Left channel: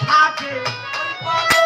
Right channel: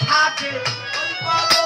I did.